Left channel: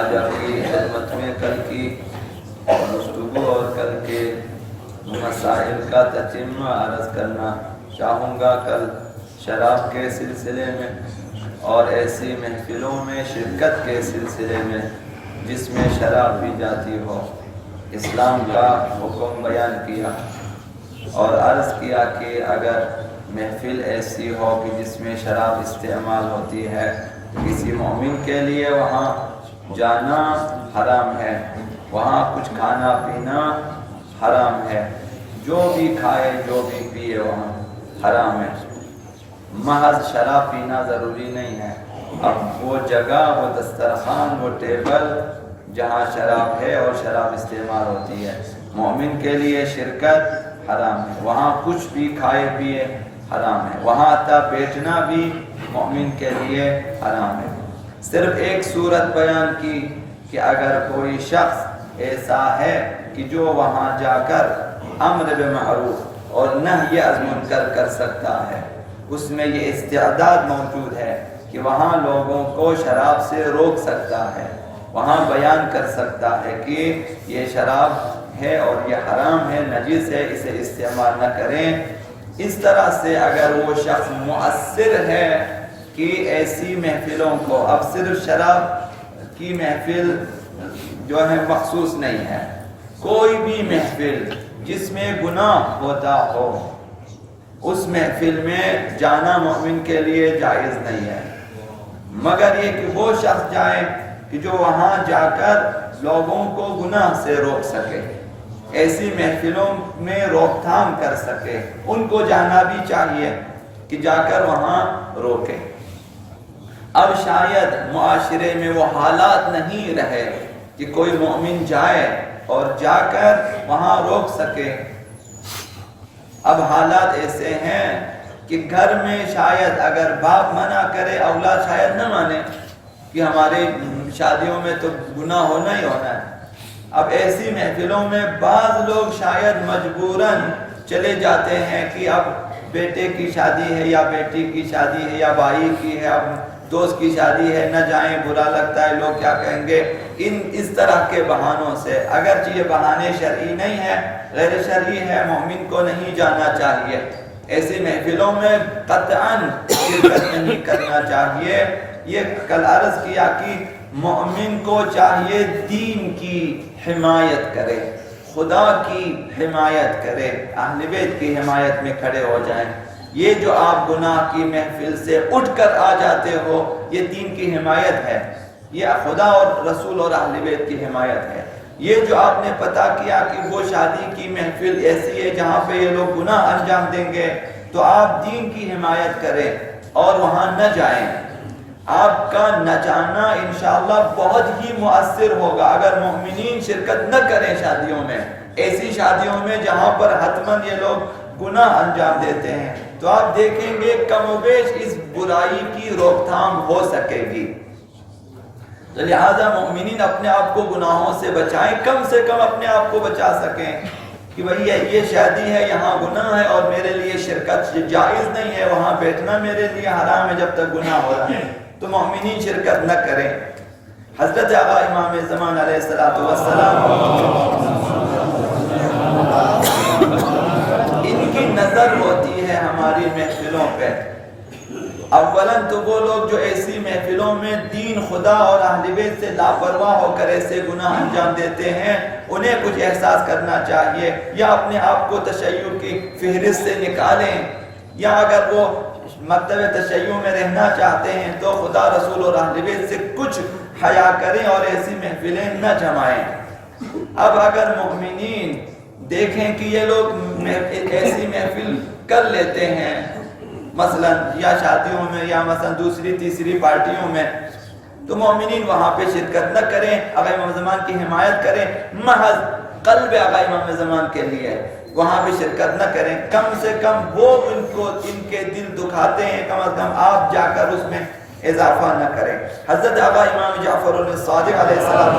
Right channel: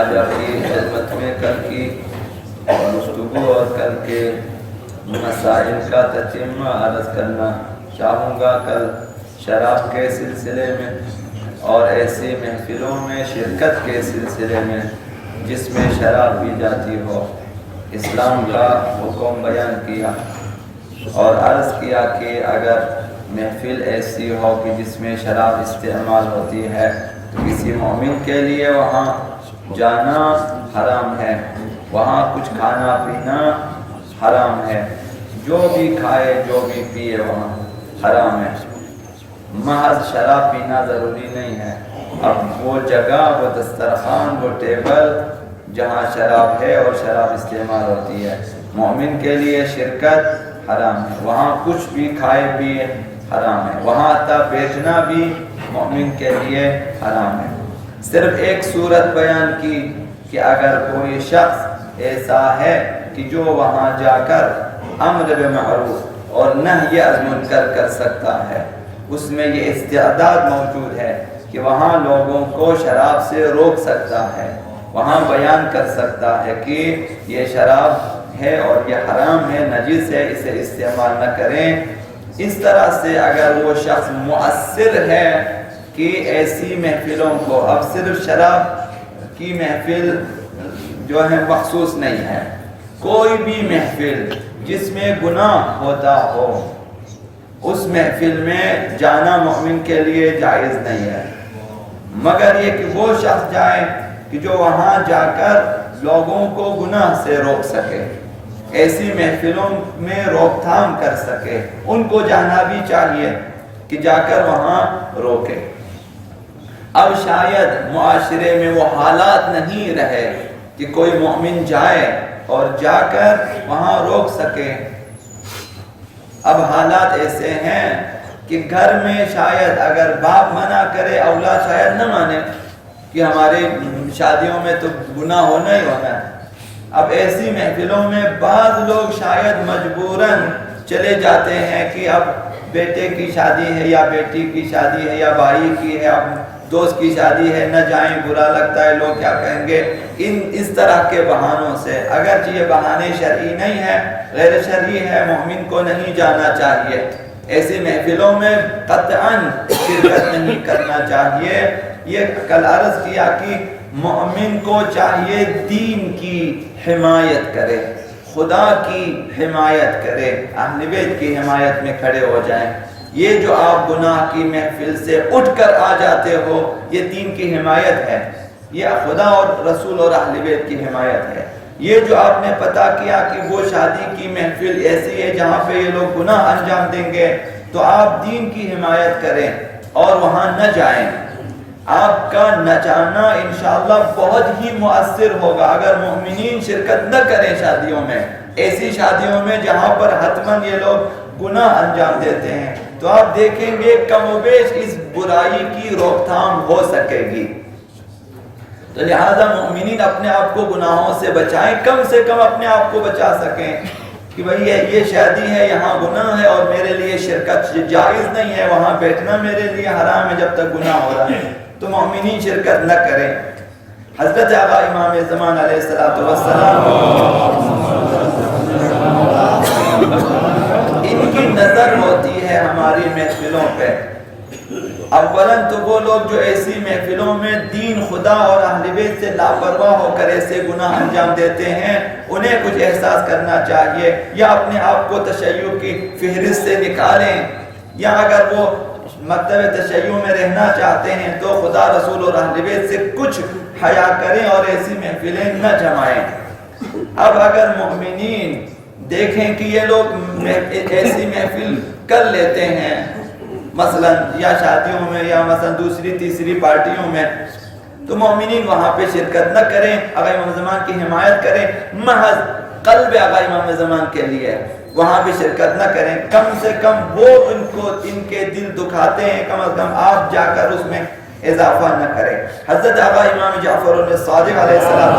آج آپ کی خدمت میں کل کی گفتگو اور کل کے مسائل کا تتمہ عرض کرنا چاہوں گا۔ کل شراب کے سلسلے میں اور ایسی محفلوں میں شرکت کے سلسلے میں جس میں شراب پی جاتی ہو، اسلام کا حکم بیان کیا اور عرض کیا کہ اگر محفل ایسی ہو کہ جس میں شراب استعمال ہوتی ہے تو کسی مومن کے لیے وہاں جانا حرام ہے، وہاں کچھ کھانا پینا حرام ہے، جو بھی کھائے جو بھی پیے وہاں حرام ہے۔ محض شراب پینا ضروری نہیں ہے، اب وہ جگہ، وہ دسترخوان، وہ ٹیبل جہاں شراب ہے اور شراب استعمال ہوتی ہے، مومن کے لیے شرکت حرام ہے، وہاں کچھ بھی کھائے پیے حرام ہے، وہاں حتیٰ بیٹھنا بھی مومن کے لیے حرام ہے۔ صرف ایک صورت بیان کی کہ اگر کوئی شخص ایسا ہے کہ جو وہاں جا کر امر بالمعروف اور نہی عن منکر کر سکتا ہے، اس میں یہ استعداد موجود ہے کہ وہاں لوگوں کو شراب سے روک سکتا ہے، وہاں بیان کر سکتا ہے کہ یہ شراب ہے اور یہ حرام ہے، نجس ہے، اسے استعمال نہ کریں۔ اس طرح سے اگر وہ شخص مؤثر ہے کہ ایسی محفلوں کو، اب صرف شراب کی محفل جو ہے مخصوص نہیں ہے، کوئی بھی محفل جس میں گناہ ہوتا ہو اس محفل میں جانا مومن کے لیے جائز نہیں ہے، مگر یہ کہ وہ شخص جائے کہ جو وہاں جا کر لوگوں کو گناہ سے روک سکے، ایسی محفلوں میں روک تھام کر سکے، ان کو جانا بھی چاہیے کہ جا کر وہاں روکے۔ اب شاید معاشرے میں وہ حالات نہیں رہے کہ کوئی مومن جائے اور جا کر وہاں روک سکے۔ اب حالات ایسے ہیں کہ گھر میں شاید اگر باپ منع کرے اولاد شاید نہ مانے کہ ہمارے شادیوں میں تو گناہ ہونا ہی ہونا ہے۔ اب ایسی محفلوں میں بعض لوگ شاید مجبوراً چلے جاتے ہیں کہ اب بیٹے کی شادی ہے یا بیٹی کی شادی ہے یا بھائی کی ہے، اب دوست کی شادی ہے، نہ جائیں، برا لگتا ہے، لوگ کیا کہیں گے، اس طرح کے بہانوں سے، اگرچہ یہ بہانے شرعی نہیں ہے، غیر شرعی ہے، مومن کو نہیں جانا چاہیے، ایسی محفلوں میں قطعاً شرکت نہیں کرنا چاہیے۔ یہ کل عرض کیا کہ مومن کو چاہیے دین کی حمایت کرے، خدا کی حمایت کرے، اہل بیت کی حمایت میں کھڑے ہو جائیں۔ یہ جو آپ گناہ کی محفل سے اٹھ کر آ جاتے ہو، یہ دین کی حمایت ہے، یہ خدا اور رسول اور اہل بیت کی حمایت ہے۔ یہ جو آپ نے پتہ کیا کہ وہ شادی کی محفل ایسی ہے جہاں پہ یہ لوگ گناہ انجام دیں گے، تو آپ دین کی حمایت کریں اور وہاں نہ جائیں۔ آپ کا نہ جانا انشاءاللہ بہت ہی مؤثر ہوگا اگر مومنین شرکت نہ کریں شادیوں میں، ایسی شادیوں میں جہاں پر حتماً یہ لوگ گناہ انجام دیتے ہیں، تو آپ دیکھیں گے کم و بیش اس برائی کی روک تھام ہو سکے گی۔ تو لہذا مومنین اپنے آپ کو گناہوں سے بچائیں، کم سے کم اپنے آپ کو بچا سکیں کہ بھئی یہ شادی ہے، یہاں گناہ ہے اور میرے لیے شرکت جائز نہیں ہے، وہاں بیٹھنا میرے لیے حرام ہے جب تک گناہ ہو رہا ہے، تو مومنین شرکت نہ کریں۔ حضرت آقا امام زمان علیہ السلام ان کی نظر ہوتی ہے ہماری محفلوں پہ۔ اولاً تو وہ لوگ جو ایسی محفلوں میں دین، خدا اور اہل بیت سے لاپرواہ ہو کر ایسے گناہ انجام دیتے ہیں، انہیں کچھ احساس کرنا چاہیے، یا اپنے آپ کو تشیع کی فہرست سے نکالیں، یا اگر وہ مکتب تشیع میں رہنا چاہتے ہیں تو خدا، رسول اور اہل بیت سے کچھ حیا کریں اور ایسی محفلیں نہ جمائیں۔ اب اگر مومنین دیکھیں کہ یہ لوگ ایسی محفل کر لیتے ہیں، مثلا یا شادیوں میں یا مثلا دوسری تیسری پارٹیوں میں، تو مومنین وہاں پہ شرکت نہ کریں، آقا امام زمان کی حمایت کریں، محض قلب آقا امام زمان کے لیے وہاں پہ شرکت نہ کریں۔ کم سے کم وہ ان کے دل دکھاتے ہیں، کم از کم آپ جا کر اس میں اضافہ نہ کریں۔ حضرت آقا امام جعفر الصادق علیہ السلام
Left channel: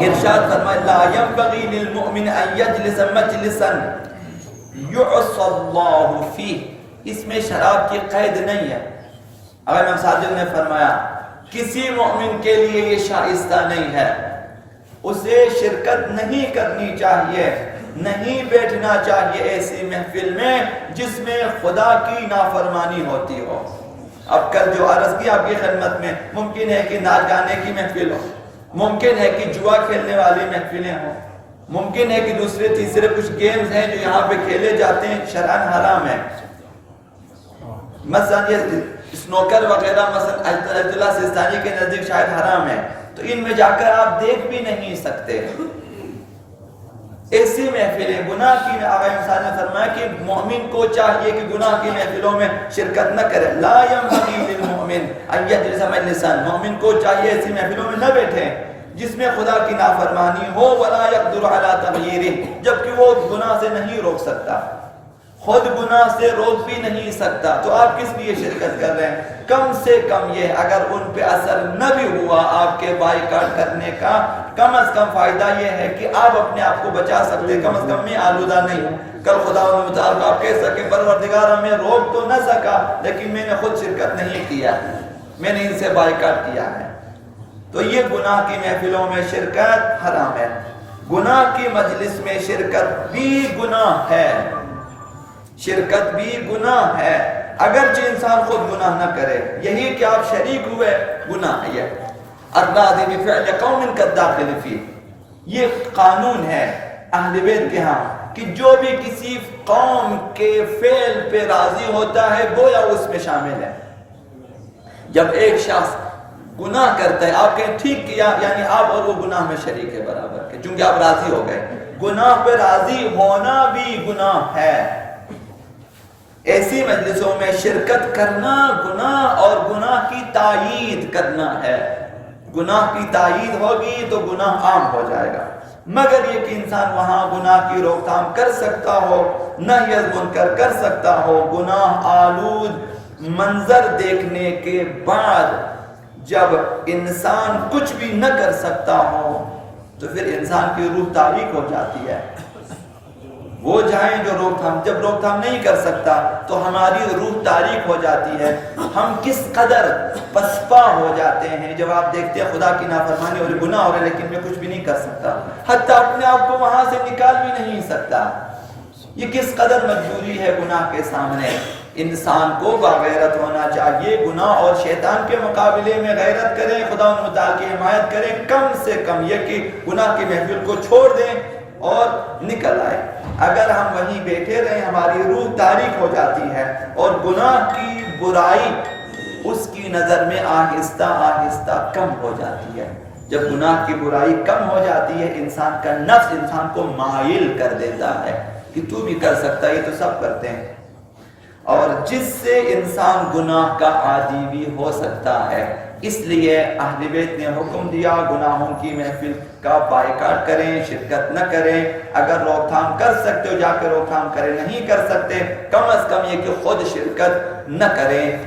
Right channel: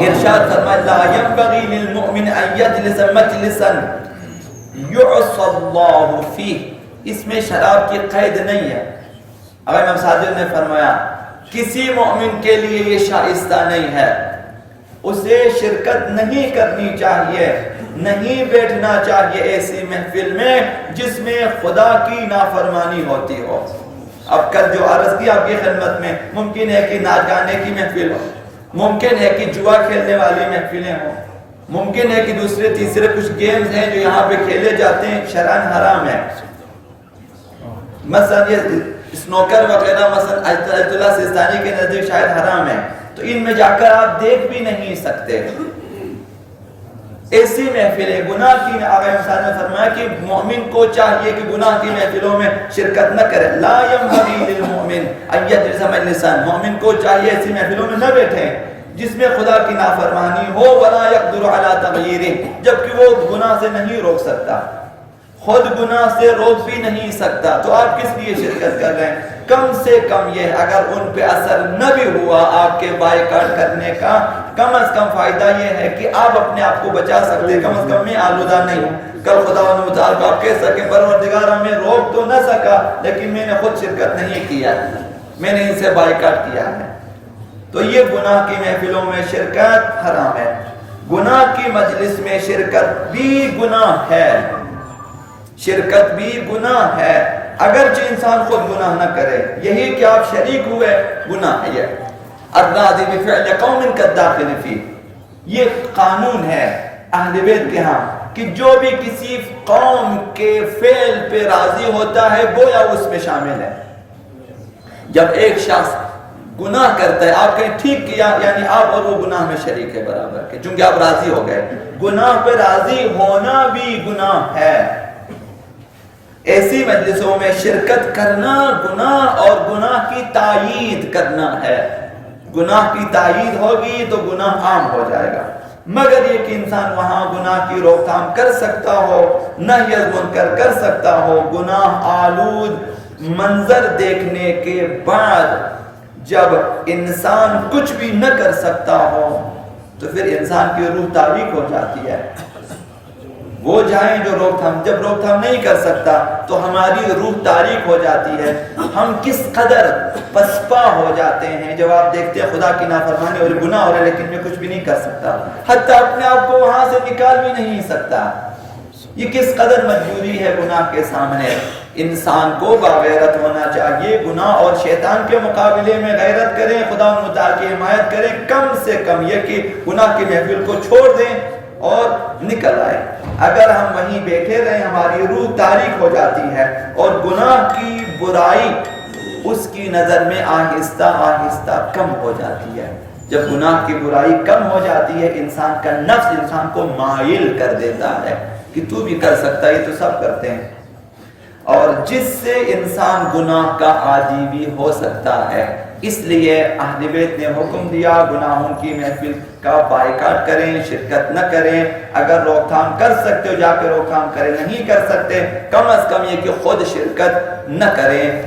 نے ارشاد فرمایا، لا ينبغي للمؤمن ان يجلس مجلسا يعصى الله فيه، اس میں شراب کی قید نہیں ہے۔ اگر امام صادق نے فرمایا کسی مومن کے لیے یہ شائستہ نہیں ہے، اسے شرکت نہیں کرنی چاہیے، نہیں بیٹھنا چاہیے ایسی محفل میں جس میں خدا کی نافرمانی ہوتی ہو۔ اب کل جو عرض کی آپ کی خدمت میں، ممکن ہے کہ ناچ گانے کی محفل ہو، ممکن ہے کہ جوا کھیلنے والی محفلیں ہوں، ممکن ہے کہ دوسرے تیسرے کچھ گیمز ہیں جو یہاں پہ کھیلے جاتے ہیں، شرعاً حرام ہے۔ مثلا یہ سنوکر وغیرہ مثلا آیت اللہ سیستانی کے نزدیک شاید حرام ہے، تو ان میں جا کر آپ دیکھ بھی نہیں سکتے۔ ایسی محفلیں گناہ کی، آقا صاحب نے فرمایا کہ مومن کو چاہیے کہ گناہ کی محفلوں میں شرکت نہ کرے۔ لا ينبغي للمؤمن ان يجلس مجلسا، مومن کو چاہیے ایسی محفلوں میں نہ بیٹھیں جس میں خدا کی نافرمانی ہو، ولا يقدر على تغييره، جبکہ وہ گناہ سے نہیں روک سکتا، خود گناہ سے روک بھی نہیں سکتا، تو آپ کس لیے شرکت کر رہے ہیں؟ کم سے کم یہ اگر ان پہ اثر نہ بھی ہوا آپ کے بائیکاٹ کرنے کا، کم از کم فائدہ یہ ہے کہ آپ اپنے آپ کو بچا سکتے، کم از کم میں آلودہ نہیں ہوں۔ کل خدا متعال کو آپ کہہ سکیں پروردگار میں روک تو نہ سکا لیکن میں نے خود شرکت نہیں کیا، میں نے ان سے بائیکاٹ کیا ہے۔ تو یہ گناہ کی محفلوں میں شرکت حرام ہے۔ گناہ کی مجلس میں شرکت بھی گناہ ہے، شرکت بھی گناہ ہے، اگرچہ انسان خود گناہ نہ کرے، یہی کہ آپ شریک ہوئے گناہ ہے۔ الراضی بفعل قوم کالداخل فیہ، یہ قانون ہے اہل بیت کے ہاں کہ جو بھی کسی قوم کے فعل پہ راضی ہوتا ہے گویا اس میں شامل ہے۔ جب ایک شخص گناہ کرتا ہے، آپ کہیں ٹھیک کیا، یعنی آپ اور وہ گناہ میں شریک ہے برابر کے، چونکہ آپ راضی ہو گئے۔ گناہ پہ راضی ہونا بھی گناہ ہے۔ ایسی مجلسوں میں شرکت کرنا گناہ اور گناہ کی تائید کرنا ہے۔ گناہ کی تائید ہوگی تو گناہ عام ہو جائے گا، مگر یہ کہ انسان وہاں گناہ کی روک تھام کر سکتا ہو، نہی از منکر کر سکتا ہو، گناہ آلود منظر دیکھنے کے بعد جب انسان کچھ بھی نہ کر سکتا ہو تو پھر انسان کی روح تاریک ہو جاتی ہے۔ وہ جائیں جو روک تھام، جب روک تھام نہیں کر سکتا تو ہماری روح تاریک ہو جاتی ہے، ہم کس قدر پسپا ہو جاتے ہیں جب آپ دیکھتے ہیں خدا کی نافرمانی اور گناہ ہو رہے لیکن میں کچھ بھی نہیں کر سکتا، حتیٰ اپنے آپ کو وہاں سے نکال بھی نہیں سکتا۔ یہ کس قدر مجبوری ہے گناہ کے سامنے۔ انسان کو باغیرت ہونا چاہیے، گناہ اور شیطان کے مقابلے میں غیرت کریں، خدا ان متعال کی حمایت کریں، کم سے کم یہ کہ گناہ کی محفل کو چھوڑ دیں اور نکل آئے۔ اگر ہم وہیں بیٹھے رہیں ہماری روح تاریک ہو جاتی ہے اور گناہ کی برائی اس کی نظر میں آہستہ آہستہ کم ہو جاتی ہے۔ جب گناہ کی برائی کم ہو جاتی ہے انسان کا نفس انسان کو مائل کر دیتا ہے کہ تو بھی کر سکتا ہے، یہ تو سب کرتے ہیں، اور جس سے انسان گناہ کا عادی بھی ہو سکتا ہے۔ اس لیے اہل بیت نے حکم دیا گناہوں کی محفل کا بائیکاٹ کریں، شرکت نہ کریں، اگر روک تھام کر سکتے ہو جا کے روک تھام کریں، نہیں کر سکتے کم از کم یہ کہ خود شرکت نہ کریں۔